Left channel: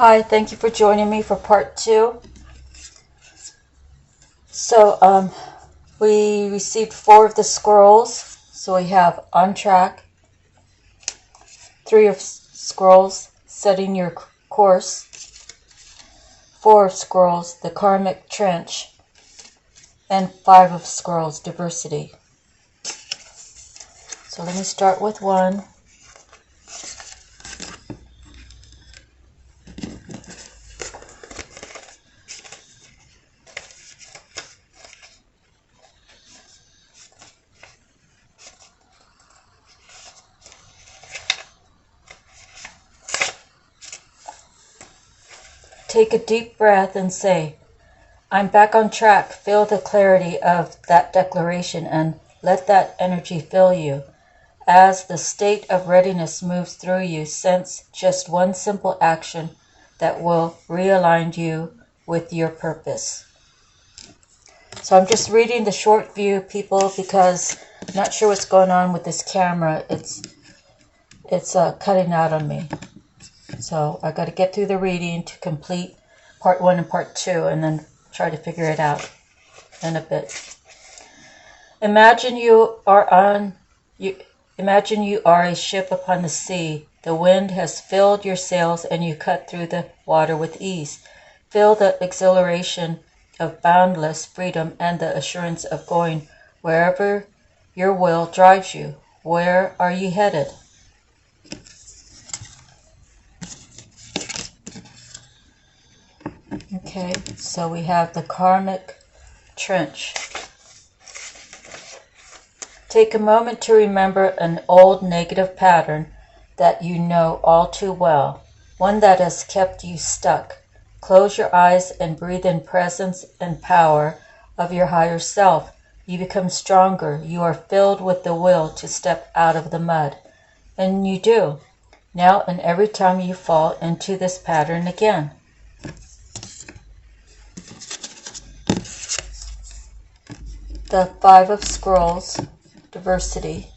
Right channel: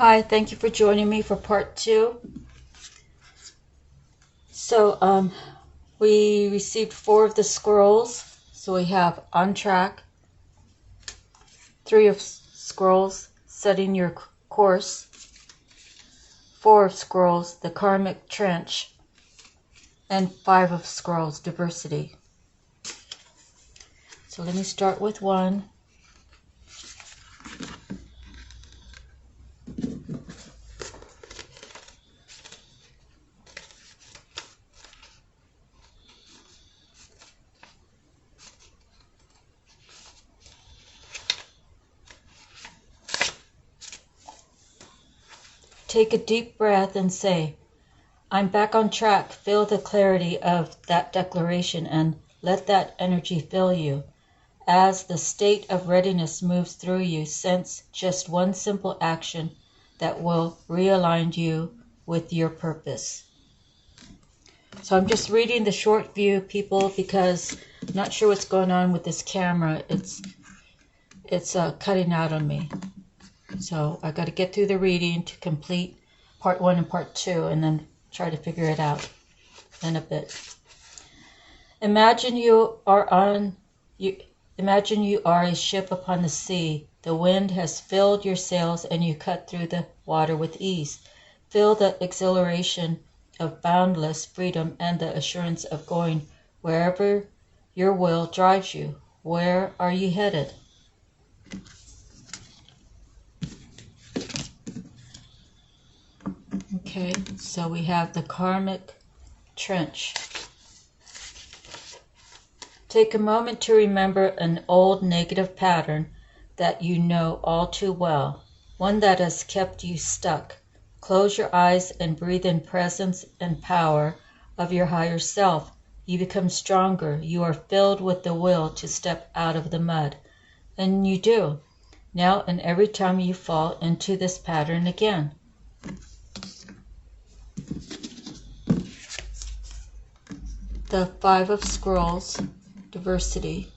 Hi, thank you for joining me for part 2. So, we received 4 of the scrolls. So we have On Track, 3 of scrolls, Setting Your Course, 4 of scrolls, The Karmic Trench, and 5 of scrolls, Diversity. So let me start with 1. Take a deep breath and say, I'm back on track. Feel the clarity of that declaration and let that energy fill you. As the state of readiness moves through you, sense just one simple action that will realign you with your purpose. So I'm just reading the short view, people, because I'm not sure what's going on with this camera. It's cutting out on me. So I got to get through the reading to complete part 1 and part 2 and then try to figure it out in a bit. Imagine you are a ship upon the sea. The wind has filled your sails and you cut through the water with ease. Feel the exhilaration of boundless freedom and the assurance of going wherever your will drives you. Where are you headed? Okay, so we have the karmic trench. Take a moment to remember an old negative pattern that you know all too well, one that has kept you stuck. Close your eyes and breathe in presence and power of your higher self. You become stronger. You are filled with the will to step out of the mud. And you do. Now and every time you fall into this pattern again. The 5 of Scrolls, Diversity.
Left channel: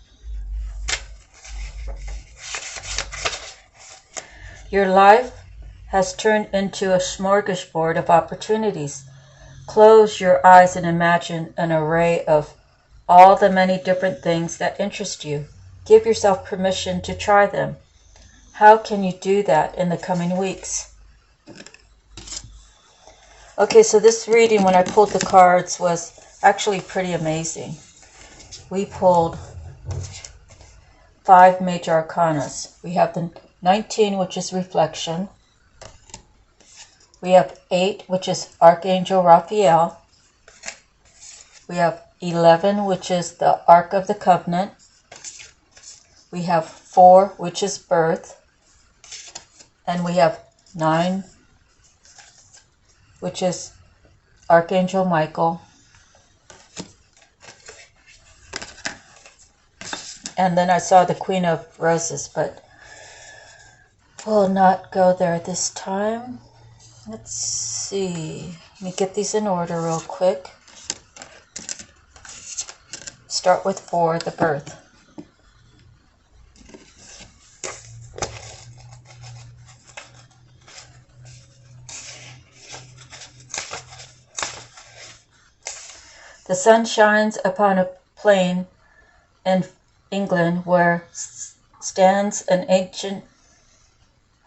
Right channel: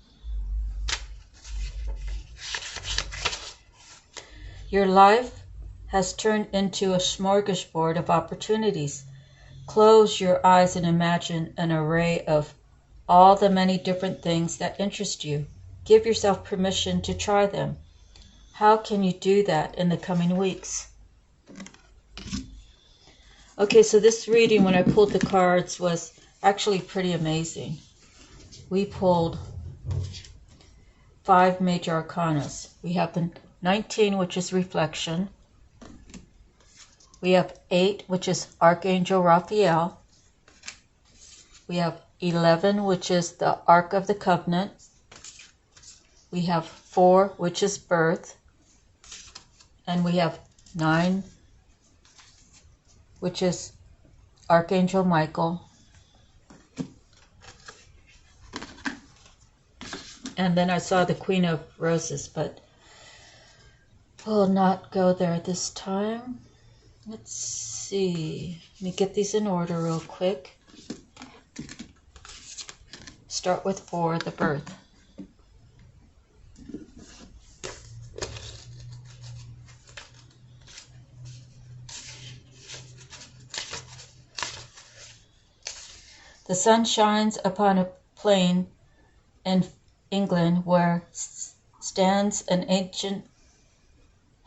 Your life has turned into a smorgasbord of opportunities. Close your eyes and imagine an array of all the many different things that interest you. Give yourself permission to try them. How can you do that in the coming weeks? Okay, so this reading, when I pulled the cards, was actually pretty amazing. We pulled 5 major arcanas. We have the 19, which is reflection. We have 8, which is Archangel Raphael. We have 11, which is the Ark of the Covenant. We have 4, which is birth. And we have 9, which is Archangel Michael. And then I saw the Queen of Roses, but we'll not go there this time. Let's see. Let me get these in order real quick. Start with 4, the birth. The sun shines upon a plain in England where stands an ancient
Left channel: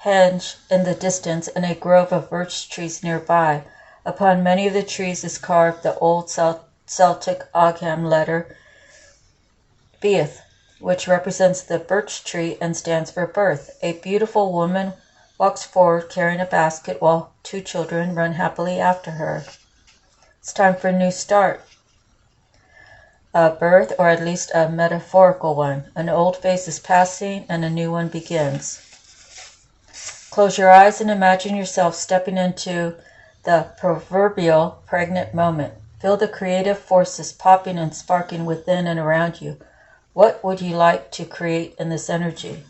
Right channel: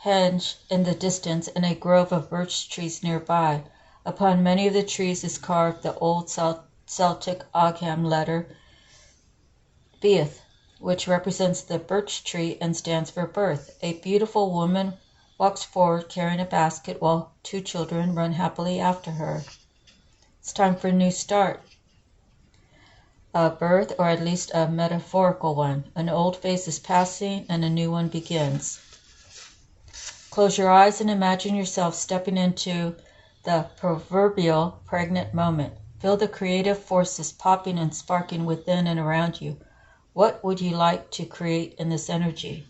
henge in the distance and a grove of birch trees nearby. Upon many of the trees is carved the old Celtic Ogham letter Beath, which represents the birch tree and stands for birth. A beautiful woman walks forward carrying a basket while 2 children run happily after her. It's time for a new start. A birth, or at least a metaphorical one. An old phase is passing and a new one begins. Close your eyes and imagine yourself stepping into the proverbial pregnant moment. Feel the creative forces popping and sparking within and around you. What would you like to create in this energy?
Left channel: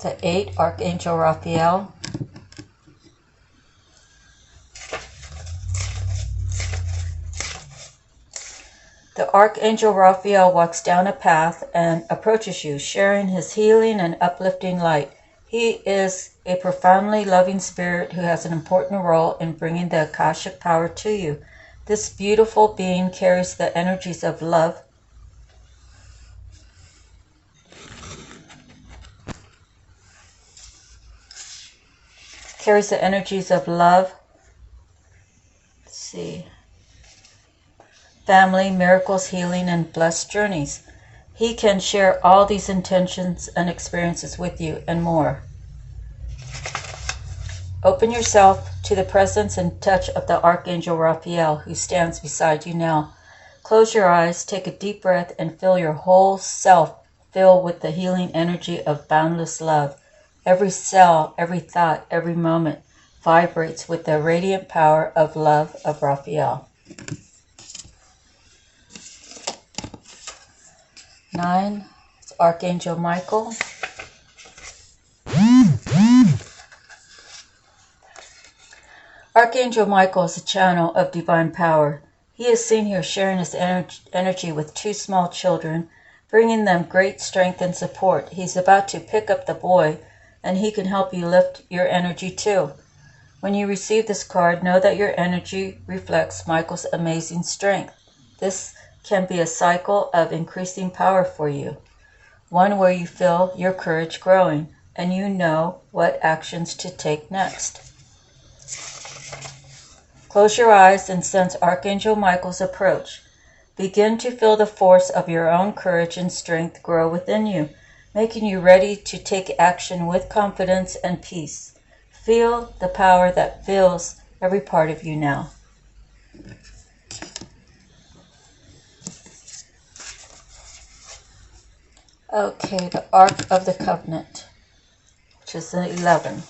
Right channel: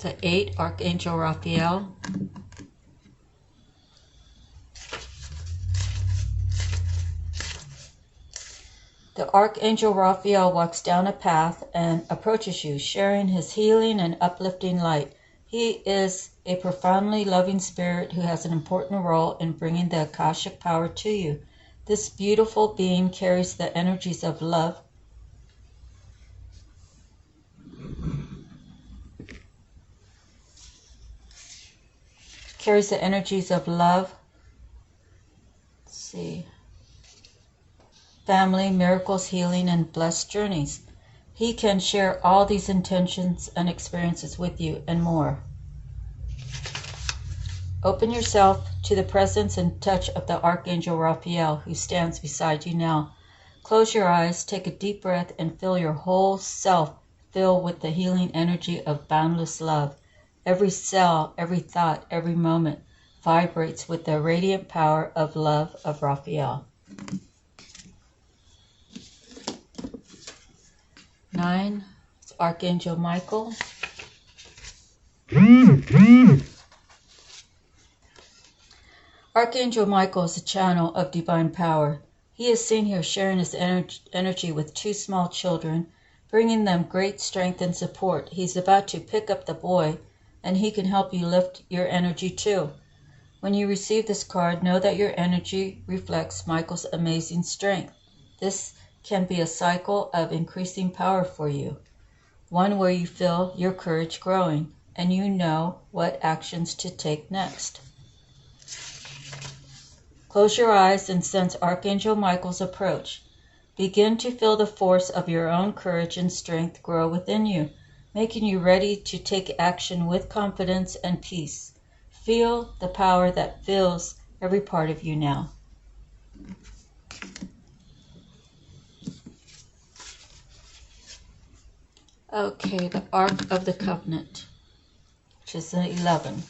The 8, Archangel Raphael. The Archangel Raphael walks down a path and approaches you, sharing his healing and uplifting light. He is a profoundly loving spirit who has an important role in bringing the Akashic power to you. This beautiful being carries the energies of love, family, miracles, healing, and blessed journeys. He can share all these intentions and experiences with you and more. Open yourself to the presence and touch of the Archangel Raphael who stands beside you now. Close your eyes, take a deep breath, and feel your whole self fill with the healing energy of boundless love. Every cell, every thought, every moment vibrates with the radiant power of love of Raphael. 9, it's Archangel Michael. Archangel Michael is a channel of divine power. He is seen here sharing his energy with 2 small children, bringing them great strength and support. He's about to pick up the boy, and he can help you lift your energy too. When you receive this card, know that your energy reflects Michael's amazing strength. This can be a cycle of increasing power for you, one where you feel your courage growing and you know what actions to take next. Close your eyes and sense Archangel Michael's approach. Begin to feel the force of your own courage and strength grow within you, making you ready to take action with confidence and peace. Feel the power that fills every part of you now. Okay, the Ark of the Covenant, which is the 11.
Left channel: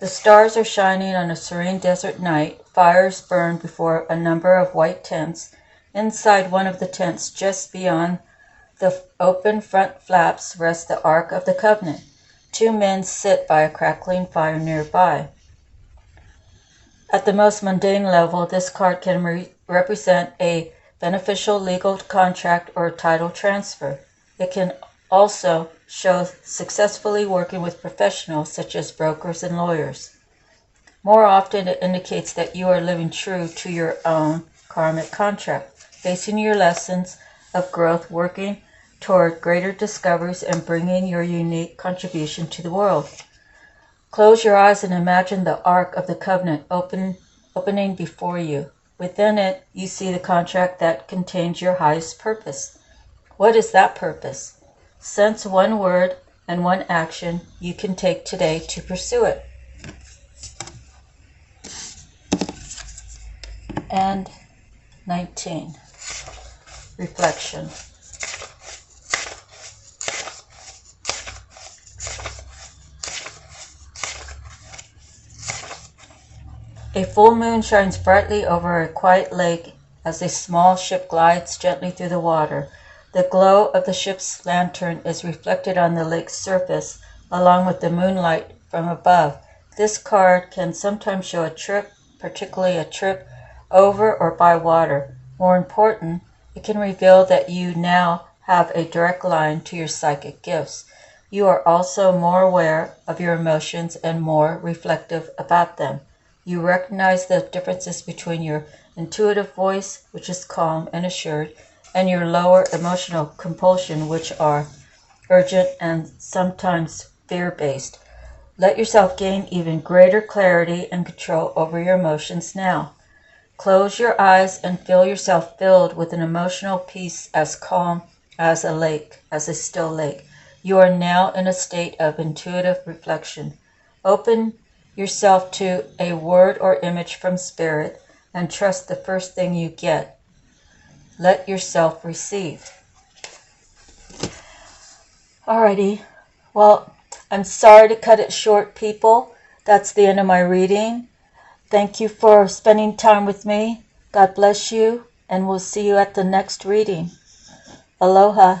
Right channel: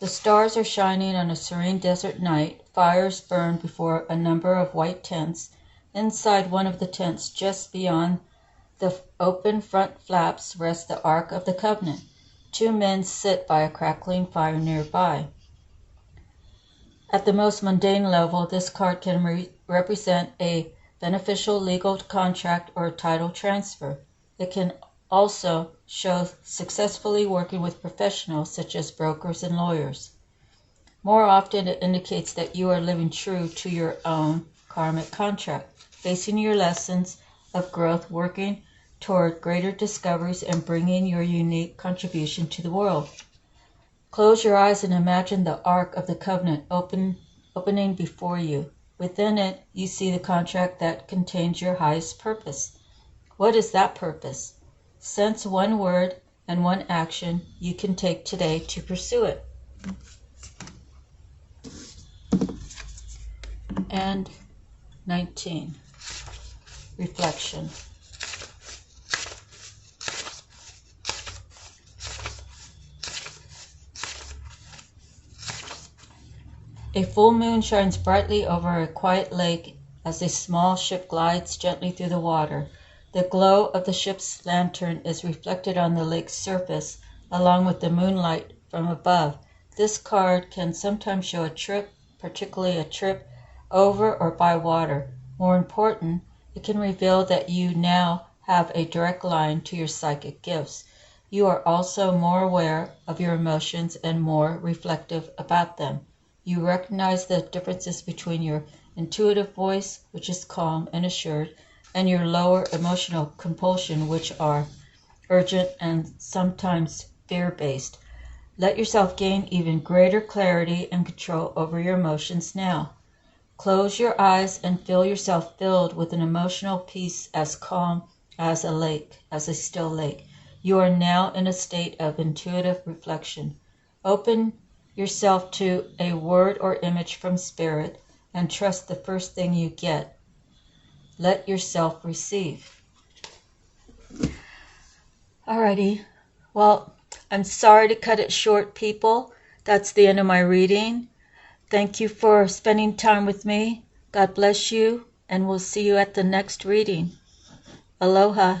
The stars are shining on a serene desert night. Fires burn before a number of white tents. Inside one of the tents, just beyond the open front flaps, rests the Ark of the Covenant. 2 men sit by a crackling fire nearby. At the most mundane level, this card can represent a beneficial legal contract or title transfer. It can also show successfully working with professionals such as brokers and lawyers. More often, it indicates that you are living true to your own karmic contract, facing your lessons of growth, working toward greater discoveries, and bringing your unique contribution to the world. Close your eyes and imagine the Ark of the Covenant opening before you. Within it, you see the contract that contains your highest purpose. What is that purpose? Sense one word and one action you can take today to pursue it. And 19. Reflection. A full moon shines brightly over a quiet lake as a small ship glides gently through the water. The glow of the ship's lantern is reflected on the lake's surface, along with the moonlight from above. This card can sometimes show a trip, particularly a trip over or by water. More important, it can reveal that you now have a direct line to your psychic gifts. You are also more aware of your emotions and more reflective about them. You recognize the differences between your intuitive voice, which is calm and assured, and your lower emotional compulsion, which are urgent and sometimes fear-based. Let yourself gain even greater clarity and control over your emotions now. Close your eyes and feel yourself filled with an emotional peace as calm as a lake, as a still lake. You are now in a state of intuitive reflection. Open yourself to a word or image from Spirit and trust the first thing you get. Let yourself receive. Alrighty. Well, I'm sorry to cut it short, people. That's the end of my reading. Thank you for spending time with me. God bless you, and we'll see you at the next reading. Aloha.